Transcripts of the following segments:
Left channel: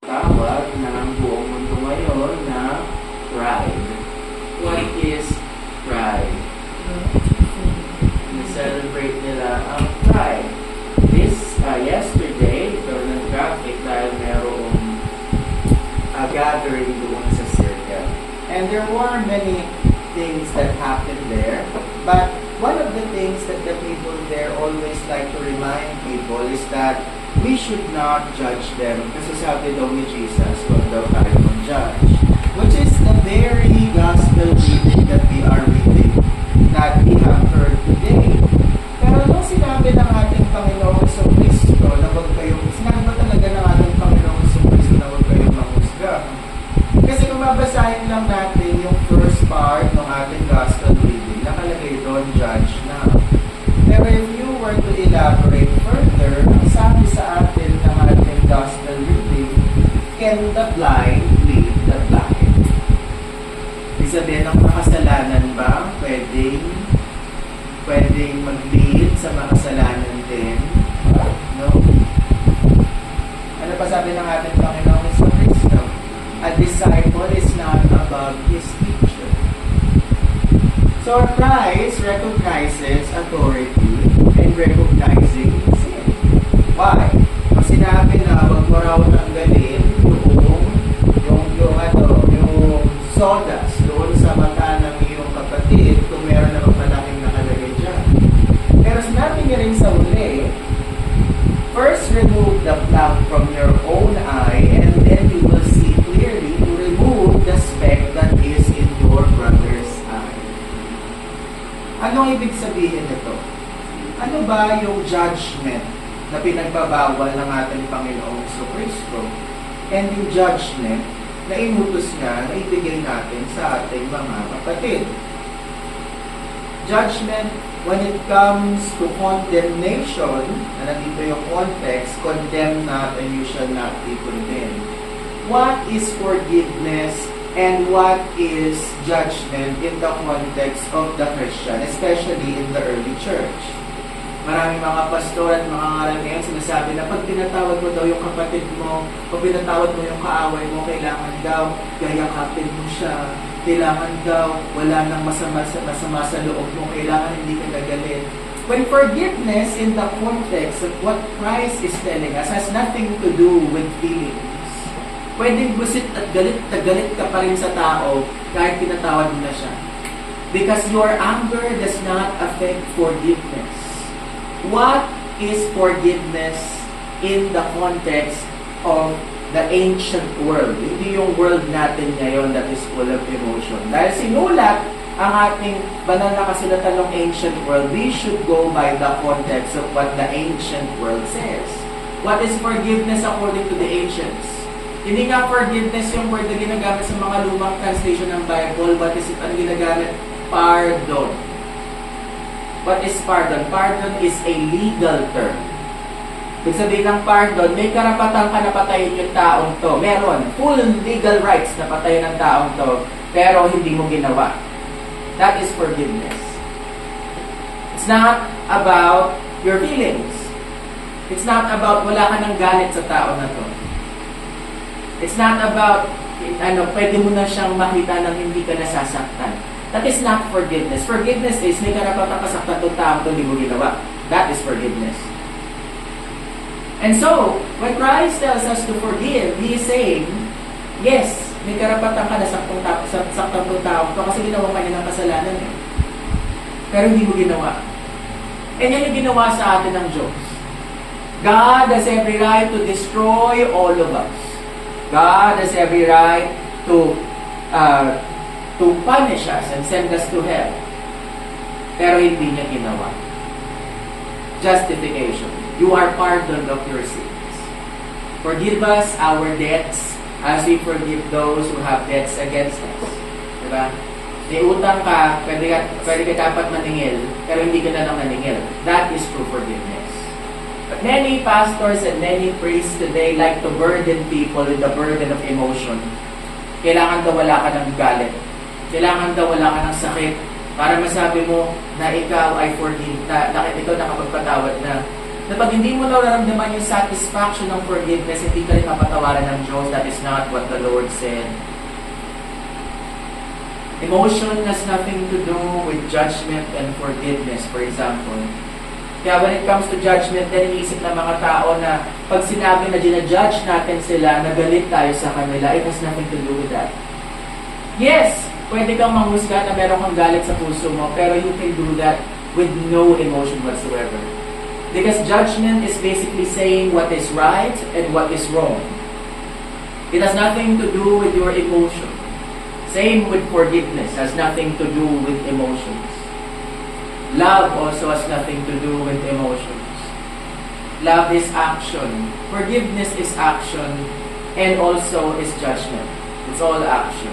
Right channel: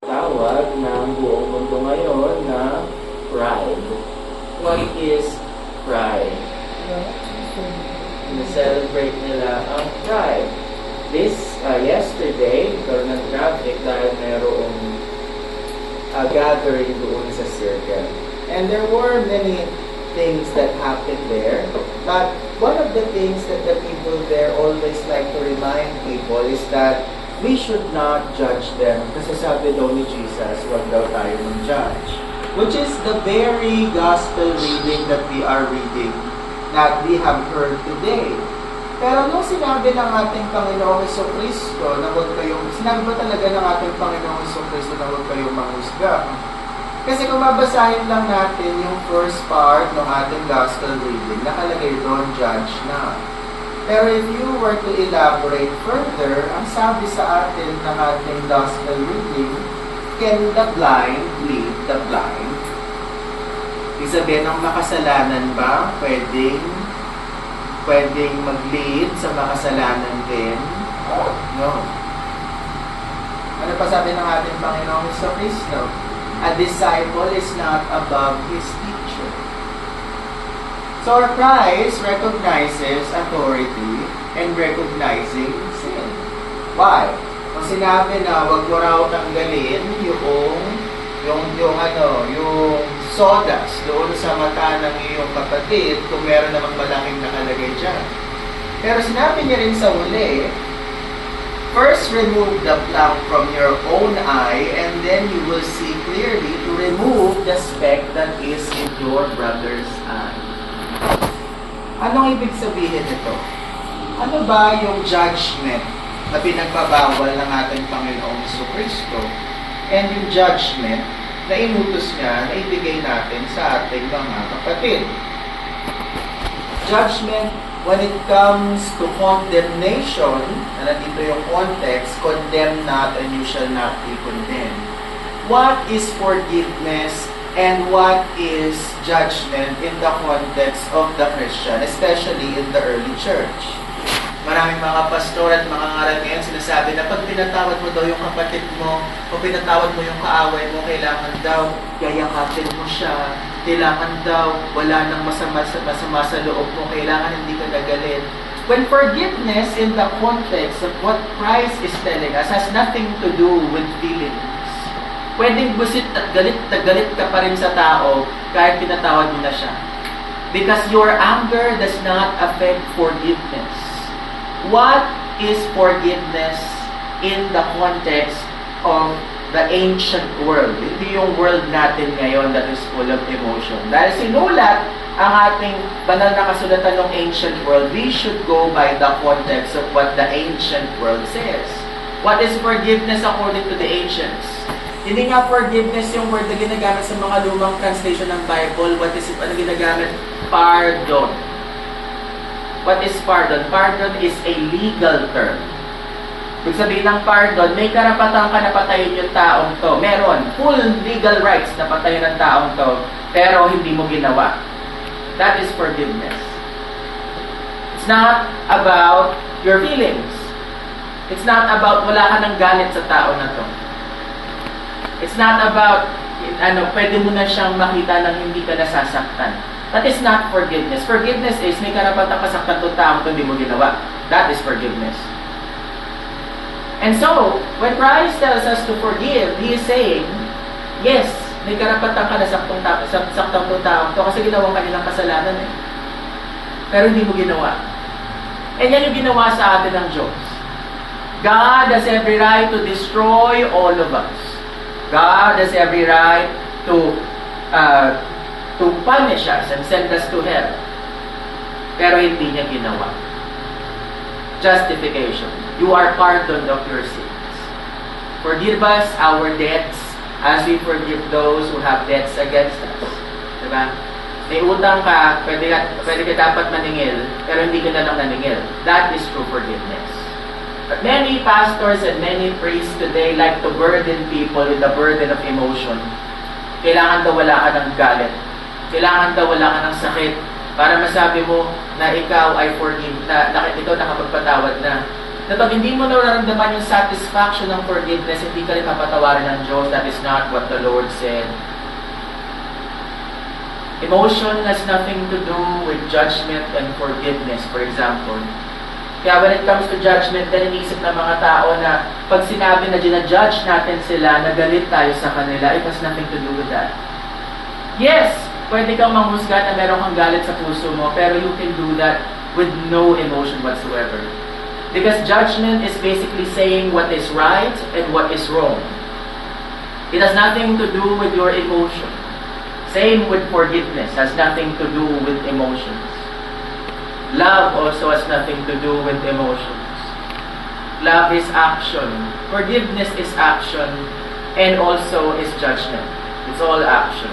Tawag ng buong mundo ngayon na Pride. What is Pride? Celebrate nila ang Pride. Yesterday, ikaw ng traffic dahil merong gathering doon sa circle. And there were many things that happened there. But one of the things that the people there always like to remind people is that we should not judge them. Kasi sabi daw ni Jesus, huwag daw tayo mag-judge. Which is the very gospel reading that we are reading, that we have heard today. Pero nung sinabi ng ating Panginoong Jesucristo na huwag kayong, sinabi ba talaga ng ating Panginoong Jesucristo na huwag kayong manghusga? Kasi kung mabasahin lang natin yung first part ng ating gospel reading, nakalagay doon, judge na. Pero if you were to elaborate further, ang sabi sa atin ng ating gospel reading, can the blind lead the blind? Ibig sabihin, ang makasalanan ba pwedeng mag-lead sa makasalanan din? No? Ano pa sabi ng ating Panginoong Jesucristo? A disciple is not above his teacher. So Christ recognizes authority and recognizing sin. Why? Kung sinabi na wag mo raw tanggalin yung sodas doon sa mata ng iyong kapatid kung meron namang malahing nakalagay dyan. Pero sinabi niya rin sa uli, first remove the plank from your own eye and then you will see clearly to remove the speck that is in your brother's eye. Anong ibig sabihin nito? Ano ba yung judgment na pinagbabawal ng ating Panginoong Jesucristo and yung judgment na inutos niya na ibigay natin sa ating mga kapatid? Judgment when it comes to condemnation, na nandito yung context, condemn not and you shall not be condemned. What is forgiveness and what is judgment in the context of the Christian, especially in the early church? Maraming mga pastor at mga ngaral ngayon sinasabi na pag pinatawad mo daw yung kapatid mo o pinatawad mo yung kaaway mo, kailangan daw yayakapin mo siya, kailangan daw wala nang masama sa loob mo, kailangan hindi ka gagalit. When forgiveness in the context of what Christ is telling us has nothing to do with feelings. Pwedeng busit at galit na galit ka pa rin sa tao kahit pinatawad mo na siya. Because your anger does not affect forgiveness. What is forgiveness in the context of the ancient world? Hindi yung world natin ngayon that is full of emotion. Dahil sinulat ang ating banal na kasulatan ng ancient world, we should go by the context of what the ancient world says. What is forgiveness according to the ancients? Hindi nga forgiveness yung word na ginagamit sa mga lumang translation ng Bible. What is it? Ano ginagamit? Pardon. What is pardon? Pardon is a legal term. Ibig sabihin ng pardon, may karapatan ka na patayin yung taong to. Meron. Full legal rights na patayin ang taong to. Pero hindi mo ginawa. That is forgiveness. It's not about your feelings. It's not about wala ka ng galit sa tao na to. It's not about, pwede mo na siyang makita nang hindi ka nasasaktan. That is not forgiveness. Forgiveness is, may karapatan ka saktan itong taong hindi mo ginawa. That is forgiveness. And so, when Christ tells us to forgive, He is saying, yes, may karapatan ka na saktan itong taong ito kasi ginawa ka nilang kasalanan eh. Pero hindi mo ginawa. And yan yung ginawa sa atin ng Diyos. God has every right to destroy all of us. God has every right to punish us and send us to hell. Pero hindi niya ginawa. Justification. You are pardoned of your sins. Forgive us our debts as we forgive those who have debts against us. Diba? May utang ka, pwede ka dapat maningil, pero hindi ka na lang naningil. That is true forgiveness. But many pastors and many priests today like to burden people with the burden of emotion. Kailangan daw wala ka ng galit. Kailangan daw wala ka ng sakit para masabi mo na ikaw ay forgive, na ikaw nakapagpatawad na. na pag hindi mo nararamdaman yung satisfaction ng forgiveness, hindi ka rin mapatawaran ng Diyos. That is not what the Lord said. Emotion has nothing to do with judgment and forgiveness, for example. Kaya when it comes to judgment, then iniisip ng mga tao na pag sinabi na ginajudge natin sila, nagalit tayo sa kanila, it has nothing to do with that. Yes, pwede kang manghusga na meron kang galit sa puso mo, pero you can do that with no emotion whatsoever. Because judgment is basically saying what is right and what is wrong. It has nothing to do with your emotion. Same with forgiveness, has nothing to do with emotions. Love also has nothing to do with emotions. Love is action. Forgiveness is action. And also is judgment. It's all action.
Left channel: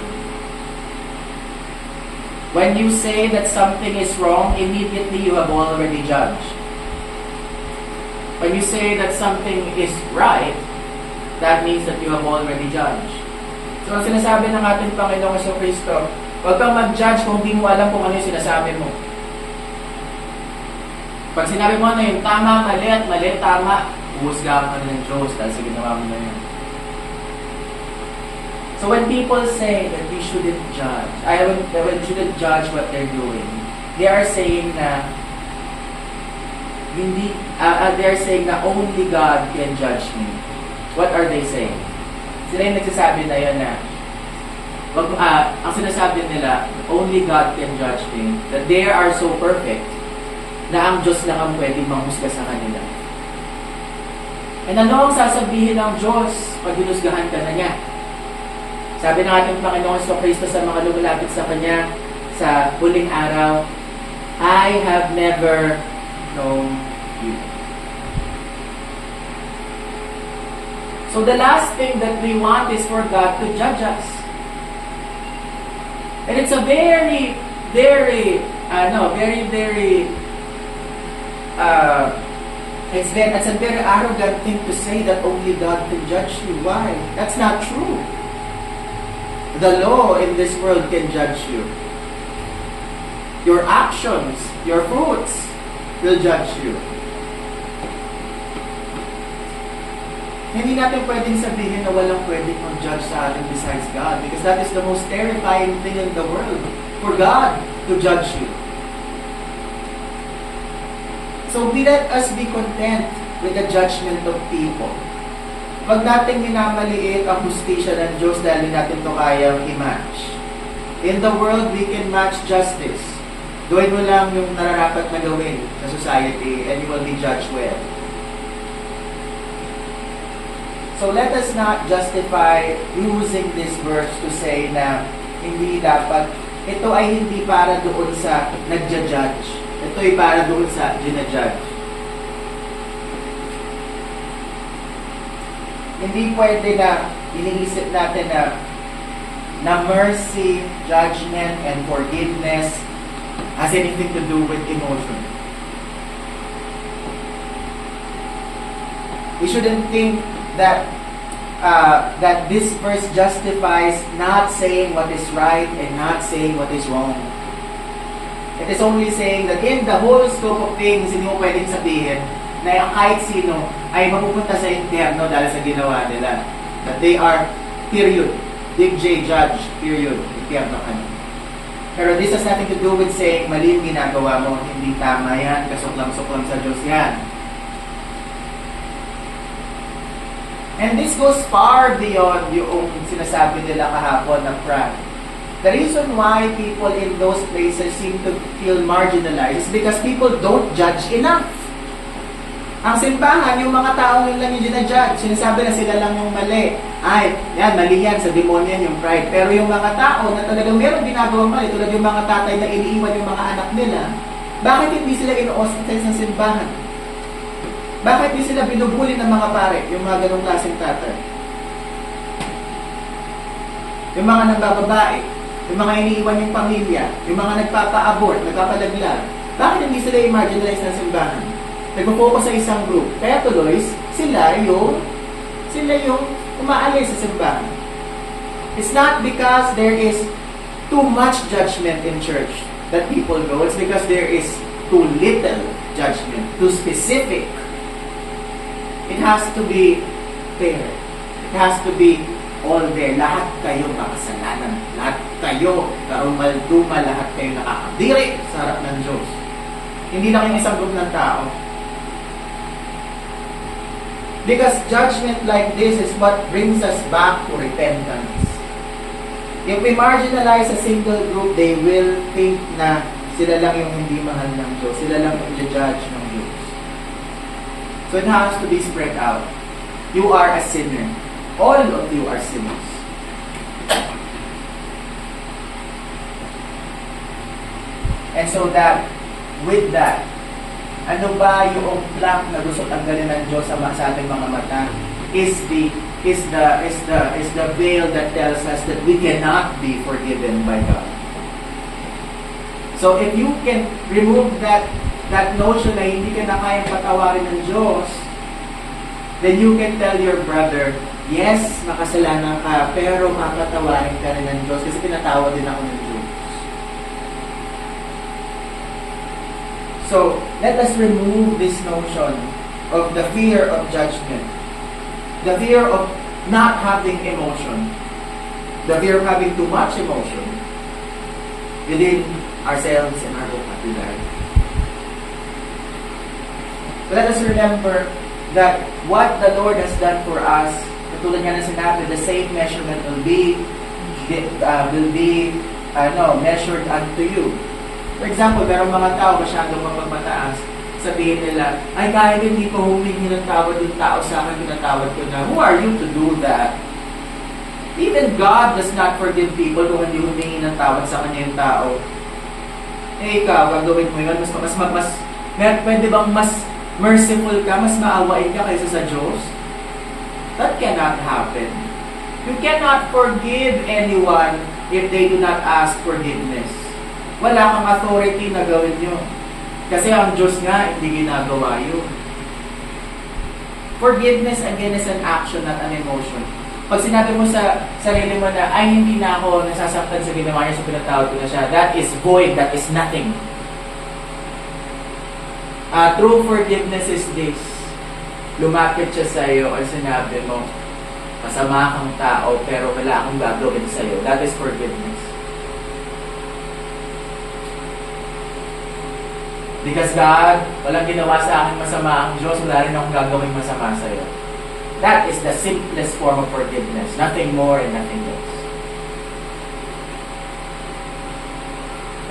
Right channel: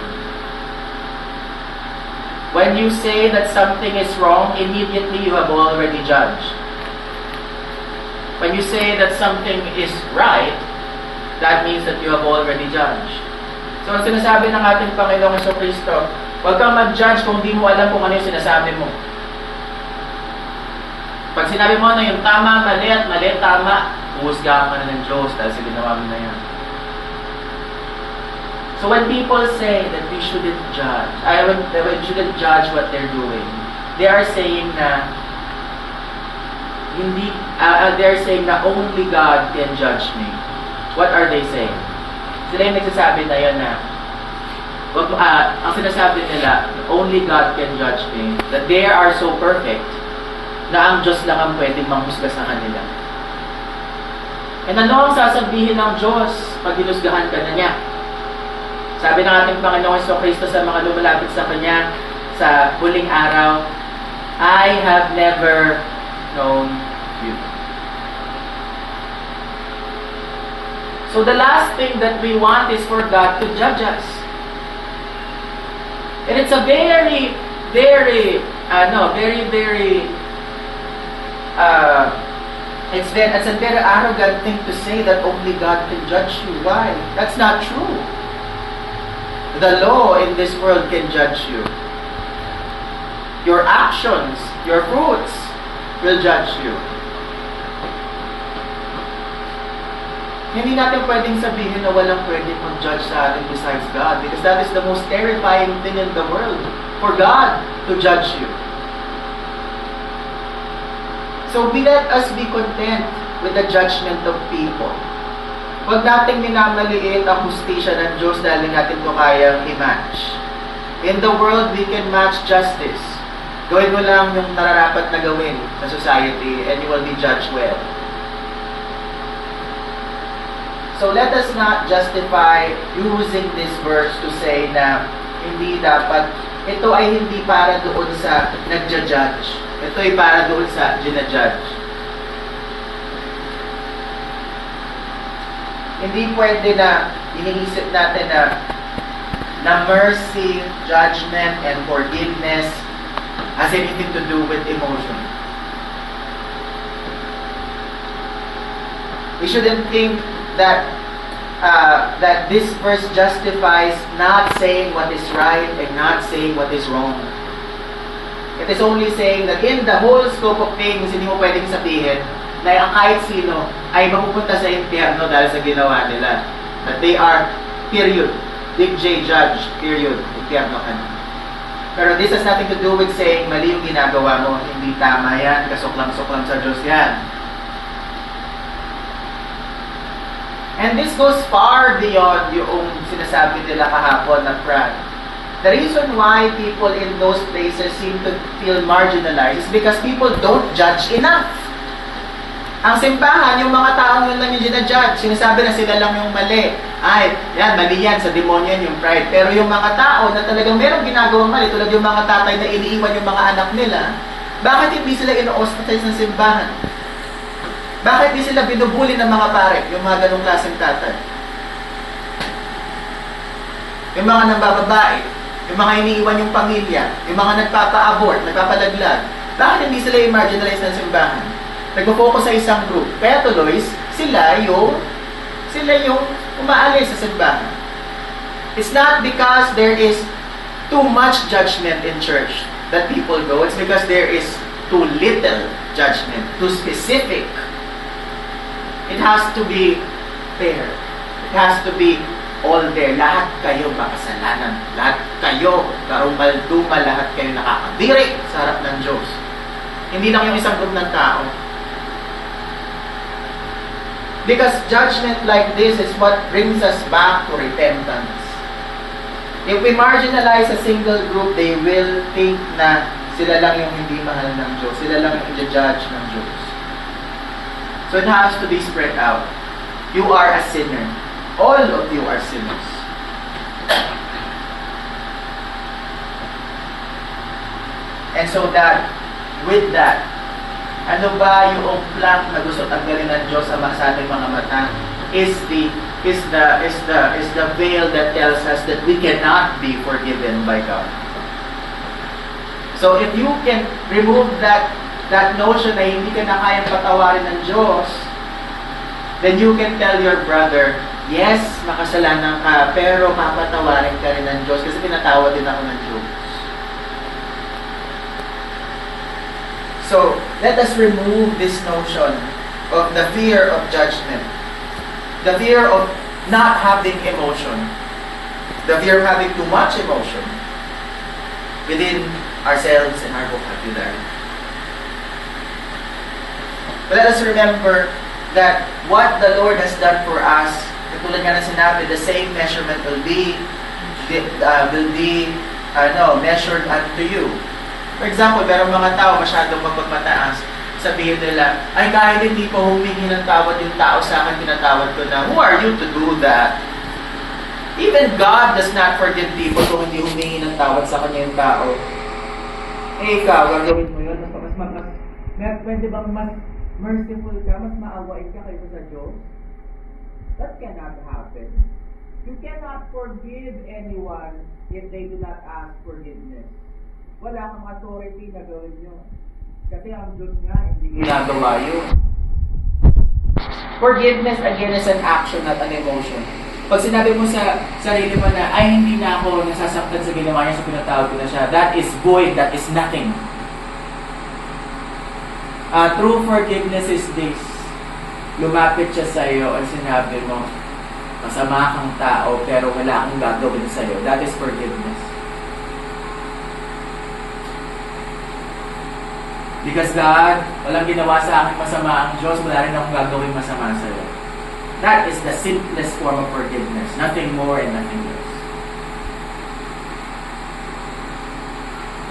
When you say that something is wrong, immediately you have already judged. When you say that something is right, that means that you have already judged. So, ang sinasabi ng ating Panginoong Jesucristo, huwag kang mag-judge kung di mo alam kung ano yung sinasabi mo. Pag sinabi mo na yung tama, mali at mali, tama, humusga ka na ng Diyos dahil sa ginawa mo na yan. So, when people say that we shouldn't judge, we shouldn't judge what they're doing, they are saying na they're saying na only God can judge me. What are they saying? Sila yung nagsasabi na yun na ang sinasabi nila, only God can judge me. That they are so perfect na ang Diyos lang ang pwedeng manghusga sa kanila. And ano ang sasabihin ng Diyos pag hinusgahan ka na niya? Sabi ng ating Panginoong Jesucristo sa mga lumalapit sa Kanya sa huling araw, I have never known you. So the last thing that we want is for God to judge us. And it's a very arrogant thing to say that only God can judge you. Why? That's not true. The law in this world can judge you. Your actions, your fruits will judge you. Hindi natin pwedeng sabihin na walang pwedeng mag-judge sa atin besides God, because that is the most terrifying thing in the world, for God to judge you. So let us be content with the judgment of people. Huwag nating minamaliit ang hustisya ng Diyos dahil natin ito kayang i-match. In the world, we can match justice. Gawin mo lang yung nararapat na gawin sa society and you will be judged well. So let us not justify using this verse to say na hindi dapat, ito ay hindi para doon sa nagja-judge. Ito ay para doon sa gina-judge. Hindi pwede na iniisip natin na mercy, judgment, and forgiveness has anything to do with emotion. We shouldn't think that this verse justifies not saying what is right and not saying what is wrong. It is only saying that in the whole scope of things, hindi mo pwedeng sabihin na ang kahit sino ay mapupunta sa impyerno dahil sa ginawa nila. That they are, period. Big J judge, period. Impyerno ka na. Pero this has nothing to do with saying mali yung ginagawa mo, hindi tama yan, kasuklam-suklam sa Diyos yan. And this goes far beyond yung sinasabi nila kahapon na pride. The reason why people in those places seem to feel marginalized is because people don't judge enough. Ang simbahan, yung mga taong yun lang yung ginajudge. Sinasabi na sila lang yung mali. Ay, yan, mali yan, sa demonyo yan yung pride. Pero yung mga tao na talagang merong ginagawang mali, tulad yung mga tatay na iniiwan yung mga anak nila, bakit hindi sila ino-ostracize ng simbahan? Bakit di sila binubuli ng mga pare, yung mga ganong klaseng tatay? Yung mga nambababae, yung mga iniiwan yung pamilya, yung mga nagpapa-abort, nagpapadaglag, bakit hindi sila i-marginalize ng simbahan? Nagpo-focus sa isang group, kaya tuloy, sila yung umaalis sa simbahan. It's not because there is too much judgment in church that people go, it's because there is too little judgment, too specific It has to be fair. It has to be all there. Lahat kayo makasalanan. Lahat kayo karumal-dumal. Lahat kayo nakakadiri sa harap ng Diyos. Hindi lang yung isang group ng tao. Because judgment like this is what brings us back to repentance. If we marginalize a single group, they will think na sila lang yung hindi mahal ng Diyos. Sila lang yung i-judge ng Diyos. So it has to be spread out. You are a sinner. All of you are sinners. And so that, with that, ano ba yung plank na gusto tanggalin ng Diyos sa ating mga mata? Is the veil that tells us that we cannot be forgiven by God. So if you can remove that notion na hindi ka na kayang patawarin ng Diyos, then you can tell your brother, yes, makasalanan ka, pero papatawarin ka rin ng Diyos kasi pinatawad din ako ng Diyos. So, let us remove this notion of the fear of judgment. The fear of not having emotion. The fear of having too much emotion within ourselves and our vocabulary. Let us remember that what the Lord has done for us, katulad nga na sinabi, the same measurement will be measured unto you. For example, merong mga tao masyadong mapagmataas, sabihin nila, ay kahit hindi ko humingi ng tawad yung tao sa akin, tinatawad ko na, who are you to do that? Even God does not forgive people kung hindi humingi ng tawad sa kanya yung tao. Eh ikaw, gagawin mo yun, pwede bang mas merciful ka, mas maawain ka kaysa sa Diyos? That cannot happen. You cannot forgive anyone if they do not ask forgiveness. Wala kang authority na gawin yun. Kasi ang Diyos nga, hindi ginagawa yun. Forgiveness, again, is an action, not an emotion. Pag sinabi mo sa sarili mo na, ay, hindi na ako nasasaktan sa ginawa niya, so pinatawad ko na siya, that is void, that is nothing. True forgiveness is this. Lumapit siya sa iyo at sinabi mo, masama kang tao, pero wala akong gagawin sa iyo. That is forgiveness. Because God, walang ginawa sa akin masama ang Diyos, wala rin akong gagawin masama sa iyo. That is the simplest form of forgiveness. Nothing more and nothing less.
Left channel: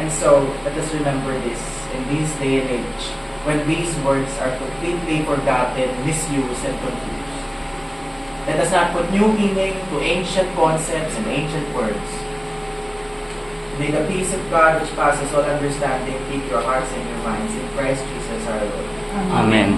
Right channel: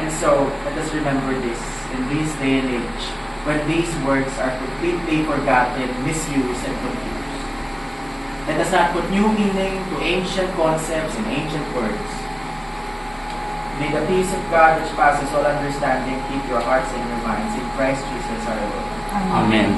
And so, let us remember this. In this day and age, when these words are completely forgotten, misused, and confused, let us not put new meaning to ancient concepts and ancient words. May the peace of God which passes all understanding keep your hearts and your minds in Christ Jesus our Lord. Amen.